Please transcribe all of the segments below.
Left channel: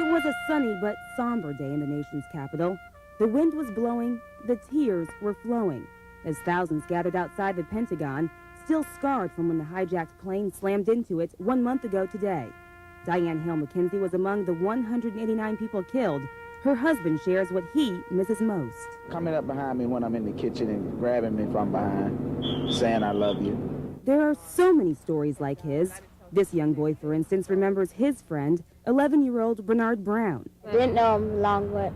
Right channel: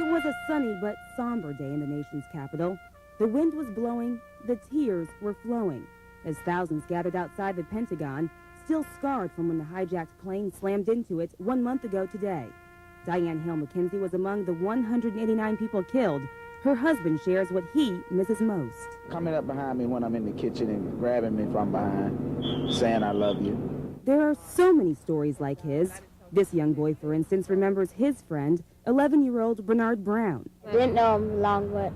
It was a sunny but somber day in the nation's capital. The wind was blowing, the tears were flowing, as thousands gathered outside the Pentagon, still scarred from when the hijacked plane slammed into it 1 month ago today. Diane Hale McKenzie was among the 189 people killed. Her husband shares what he misses most. Coming up behind me when I'm in the kitchen and grabbing me from behind, saying I love you. There are so many stories like his. This young boy, for instance, remembers his friend, 11-year-old Bernard Brown. Didn't know him long, but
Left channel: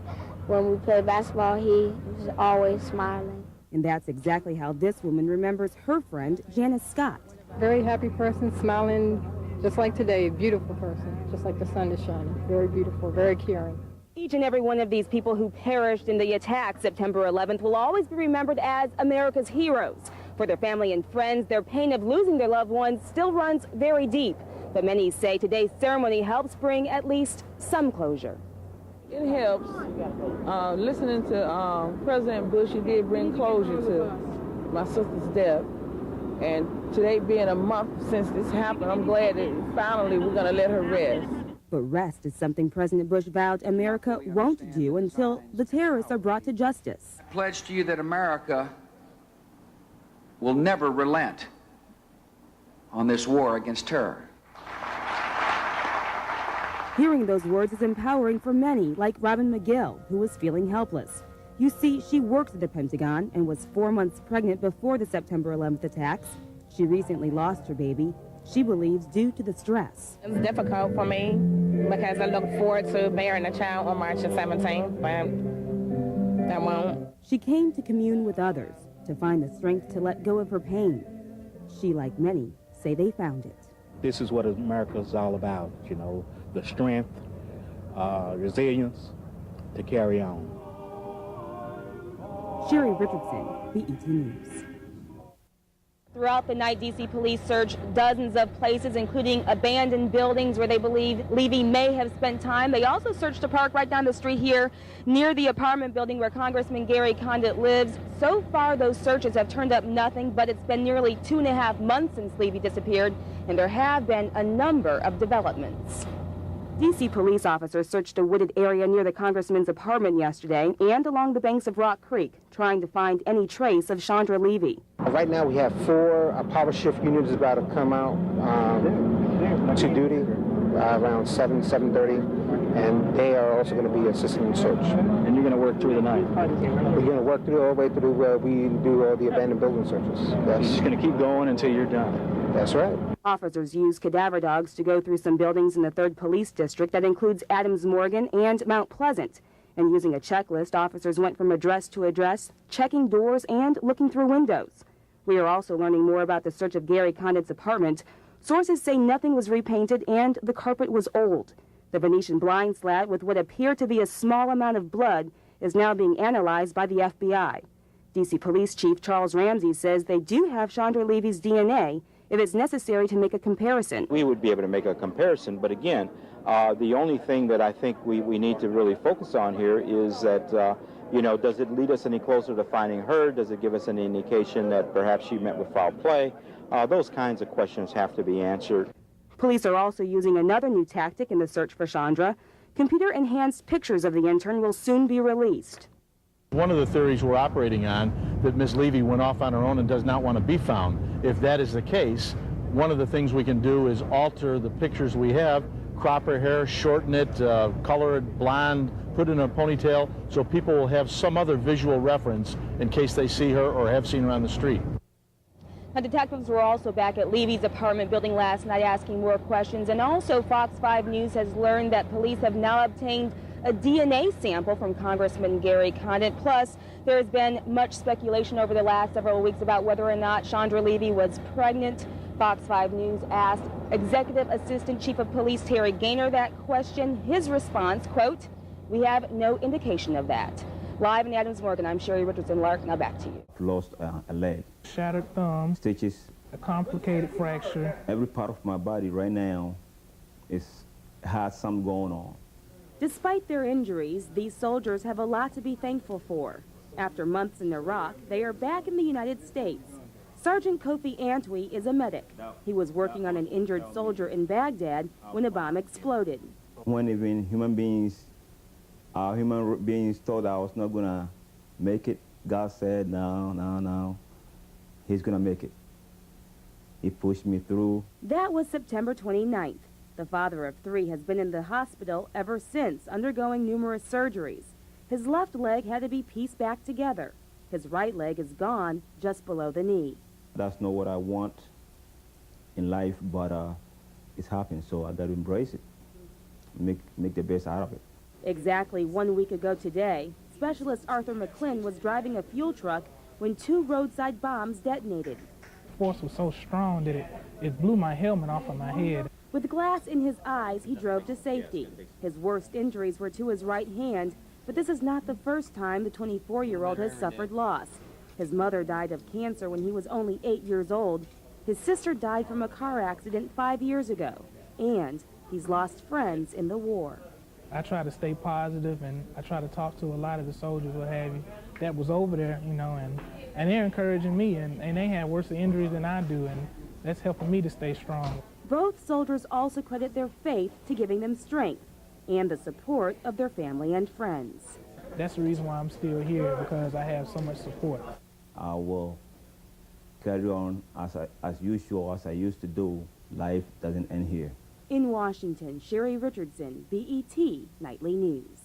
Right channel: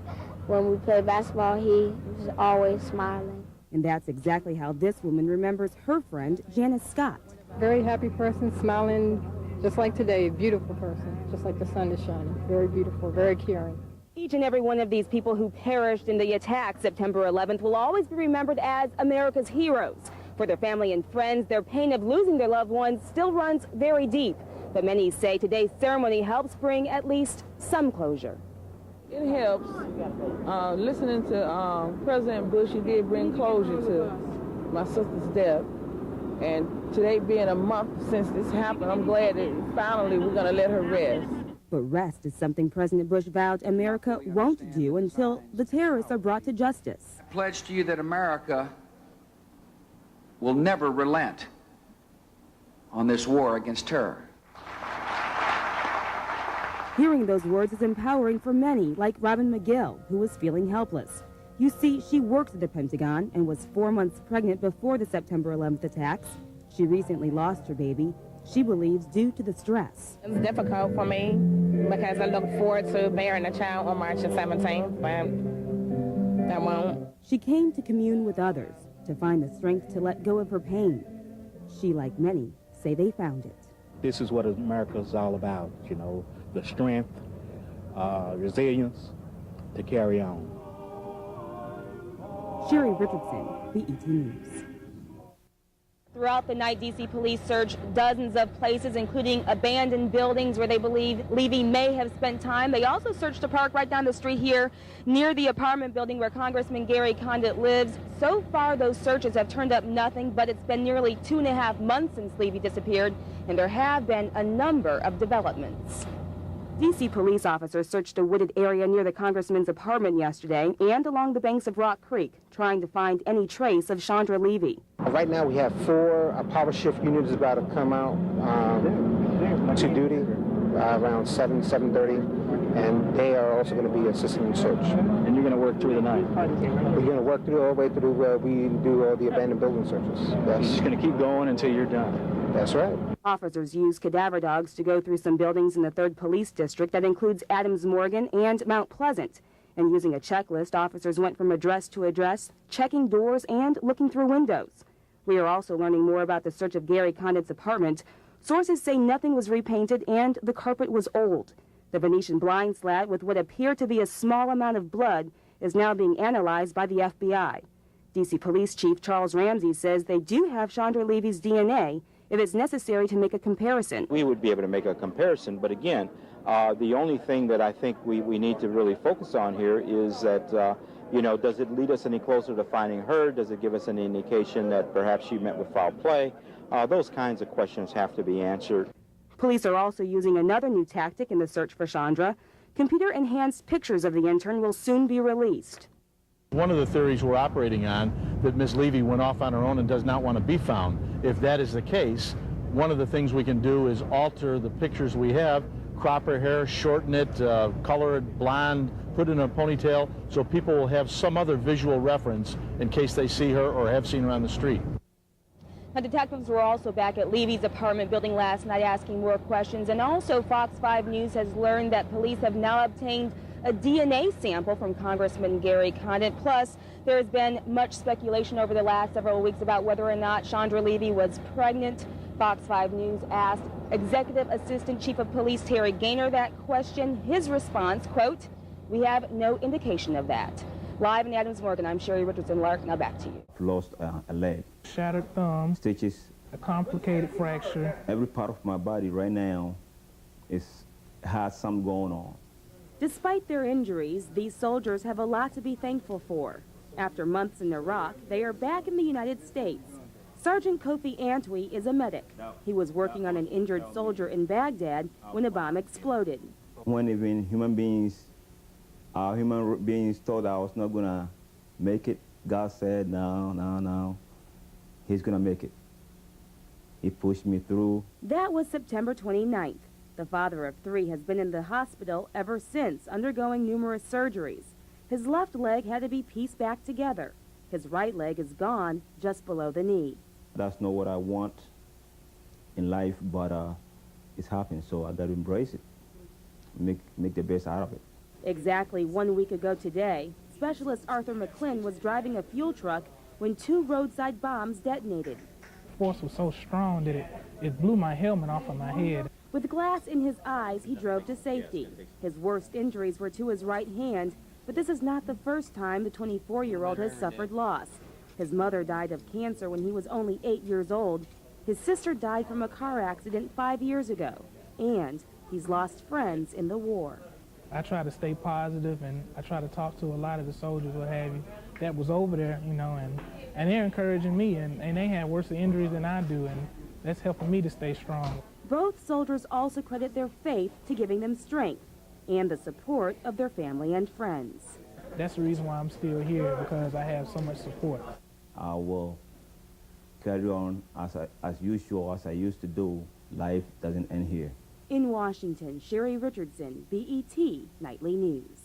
when we played basketball, he was always smiling. And that's exactly how this woman remembers her friend, Janice Scott. Very happy person, smiling just like today. Beautiful person, just like the sun is shining. Very beautiful, very caring. Each and every one of these people who perished in the attack September 11th will always be remembered as America's heroes. For their family and friends, their pain of losing their loved ones still runs very deep. But many say today's ceremony helps bring at least some closure. It helps. Listening to President Bush, he did bring closure to my sister's death. And today being a month since this happened, I'm glad that finally we're going to let her rest. But rest is something President Bush vowed America won't do until the terrorists are brought to justice. I pledge to you that America will never relent on this war against terror. Hearing those words is empowering for many, like Robin McGill, who was feeling helpless. You see, she worked at the Pentagon and was 4 months pregnant before the September 11th attacks. She recently lost her baby. She believes due to the stress. It's difficult for me because I look forward to bearing a child on March the 17th, but I won't. She came to commune with others to find the strength to let go of her pain. She, like many, say they found it. This is what America is all about, you know, the strength, resilience to carry on. Sheri Richardson, BET News. Throughout the night, D.C. police searched dozens of places, including abandoned buildings where they believe Levy may have spent time. They also searched a park right down the street here near the apartment building where Congressman Gary Condit lives. So far, those searches have turned up nothing, but it's been nearly 2.5 months since Levy disappeared, and there have been a number of developments. D.C. police officers searched a wooded area near the congressman's apartment yesterday and along the banks of Rock Creek, trying to find any trace of Chandra Levy. Right now we have 4 power shift units about to come out to duty around 7:30, and they are also going to be assisting in search. And you're going to work through the night? We're going to work through all the way through where we do all the abandoned building searches. You're just going to keep going until you're done? That's right. Officers used cadaver dogs to go through some buildings in the 3rd Police District that includes Adams Morgan and Mount Pleasant. And using a checklist, officers went from address to address, checking doors and looking through windows. We are also learning more about the search of Gary Condit's apartment. Sources say nothing was repainted and the carpet was old. The Venetian blind slat with what appeared to be a small amount of blood is now being analyzed by the FBI. D.C. Police Chief Charles Ramsey says they do have Chandra Levy's DNA if it's necessary to make a comparison. We would be able to make a comparison, but again, the only thing that I think we need to really focus on here is that, you know, does it lead us any closer to finding her? Does it give us any indication that perhaps she met with foul play? Those kinds of questions have to be answered. Police are also using another new tactic in the search for Chandra. Computer-enhanced pictures of the intern will soon be released. One of the theories we're operating on, that Ms. Levy went off on her own and does not want to be found. If that is the case, one of the things we can do is alter the pictures we have, crop her hair, shorten it, color it blonde, put it in a ponytail, so people will have some other visual reference in case they see her or have seen her on the street. Now, detectives were also back at Levy's apartment building last night asking more questions, and also Fox 5 News has learned that police have now obtained a DNA sample from Congressman Gary Condit. Plus, there has been much speculation over the last several weeks about whether or not Chandra Levy was pregnant. Fox 5 News asked Executive Assistant Chief of Police Terry Gaynor that question. His response, quote, "We have no indication of that." Live in Adams Morgan, I'm Sheri Richardson. Lark, now back to you. Lost a leg. Shattered thumb. Stitches. A complicated fracture. Every part of my body right now has something going on. Despite their injuries, these soldiers have a lot to be thankful for. After months in Iraq, they are back in the United States. Sergeant Kofi Antwi is a medic. He was working on an injured soldier in Baghdad when a bomb exploded. When even human beings thought I was not gonna make it, God said, no, he's gonna make it. He pushed me through. That was September 29th. The father of 3 has been in the hospital ever since, undergoing numerous surgeries. His left leg had to be pieced back together. His right leg is gone, just below the knee. That's not what I want in life, but it's happened, so I got to embrace it, make the best out of it. Exactly 1 week ago today, Specialist Arthur McClin was driving a fuel truck when 2 roadside bombs detonated. The force was so strong that it blew my helmet off of my head. With glass in his eyes, he drove to safety. His worst injuries were to his right hand, but this is not the first time the 24-year-old has suffered loss. His mother died of cancer when he was only 8 years old. His sister died from a car accident 5 years ago. And he's lost friends in the war. I try to stay positive, and I try to talk to a lot of the soldiers, what have you, that was over there, you know, and they're encouraging me, and they had worse injuries than I do, and that's helping me to stay strong. Both soldiers also credit their faith to giving them strength and the support of their family and friends. That's the reason why I'm still here, because I have so much support. I will carry on as usual, as I used to do. Life doesn't end here. In Washington, Sheri Richardson, BET Nightly News.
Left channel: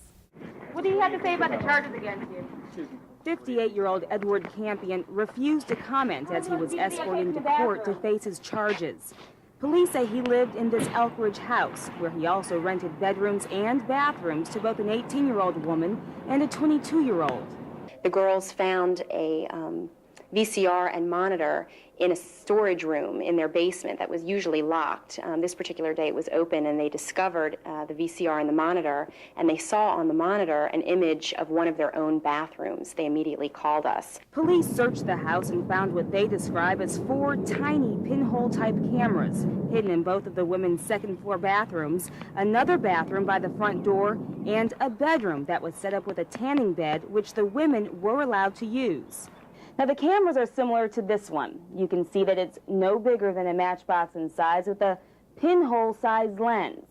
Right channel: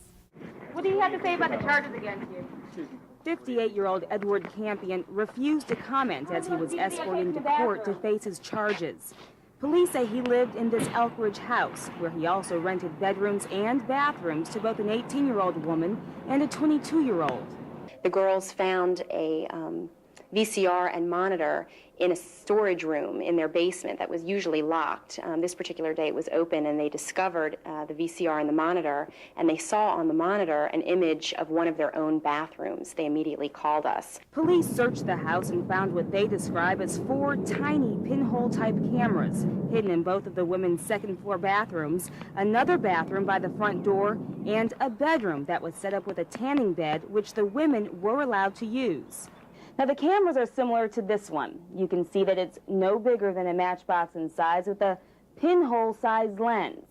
What do you have to say about the charges against you? 58-year-old Edward Campion refused to comment as he was escorted to court to face his charges. Police say he lived in this Elkridge house, where he also rented bedrooms and bathrooms to both an 18-year-old woman and a 22-year-old. The girls found a VCR and monitor in a storage room in their basement that was usually locked. This particular day it was open, and they discovered the VCR and the monitor, and they saw on the monitor an image of one of their own bathrooms. They immediately called us. Police searched the house and found what they describe as 4 tiny pinhole-type cameras hidden in both of the women's second-floor bathrooms, another bathroom by the front door, and a bedroom that was set up with a tanning bed, which the women were allowed to use. Now, the cameras are similar to this one. You can see that it's no bigger than a matchbox in size with a pinhole-sized lens.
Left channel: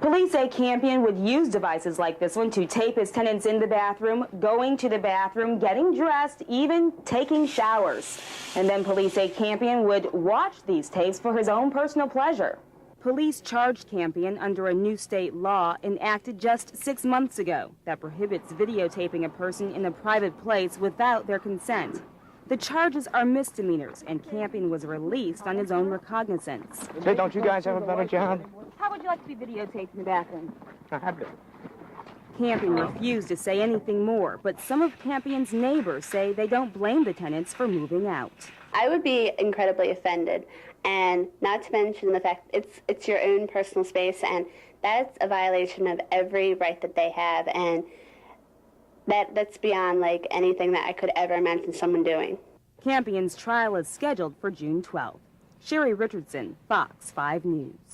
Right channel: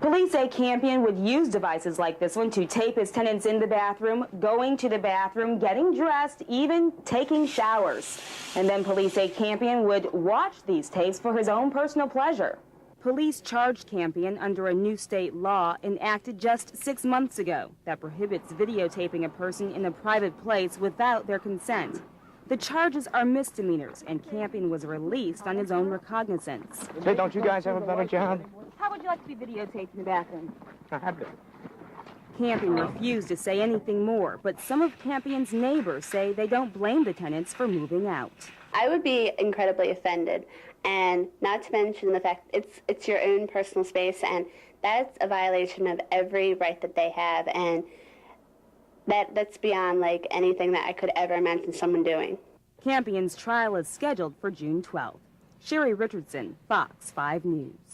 Police say Campion would use devices like this one to tape his tenants in the bathroom, going to the bathroom, getting dressed, even taking showers. And then police say Campion would watch these tapes for his own personal pleasure. Police charged Campion under a new state law enacted just 6 months ago that prohibits videotaping a person in a private place without their consent. The charges are misdemeanors, and Campion was released on his own recognizance. Hey, don't you guys have a better job? How would you like to be videotaped in the bathroom? I have it. Campion refused to say anything more, but some of Campion's neighbors say they don't blame the tenants for moving out. I would be incredibly offended, and not to mention the fact it's your own personal space, and that's a violation of every right that they have, and that's beyond like anything that I could ever imagine someone doing. Campion's trial is scheduled for June 12th. Sheri Richardson, Fox 5 News.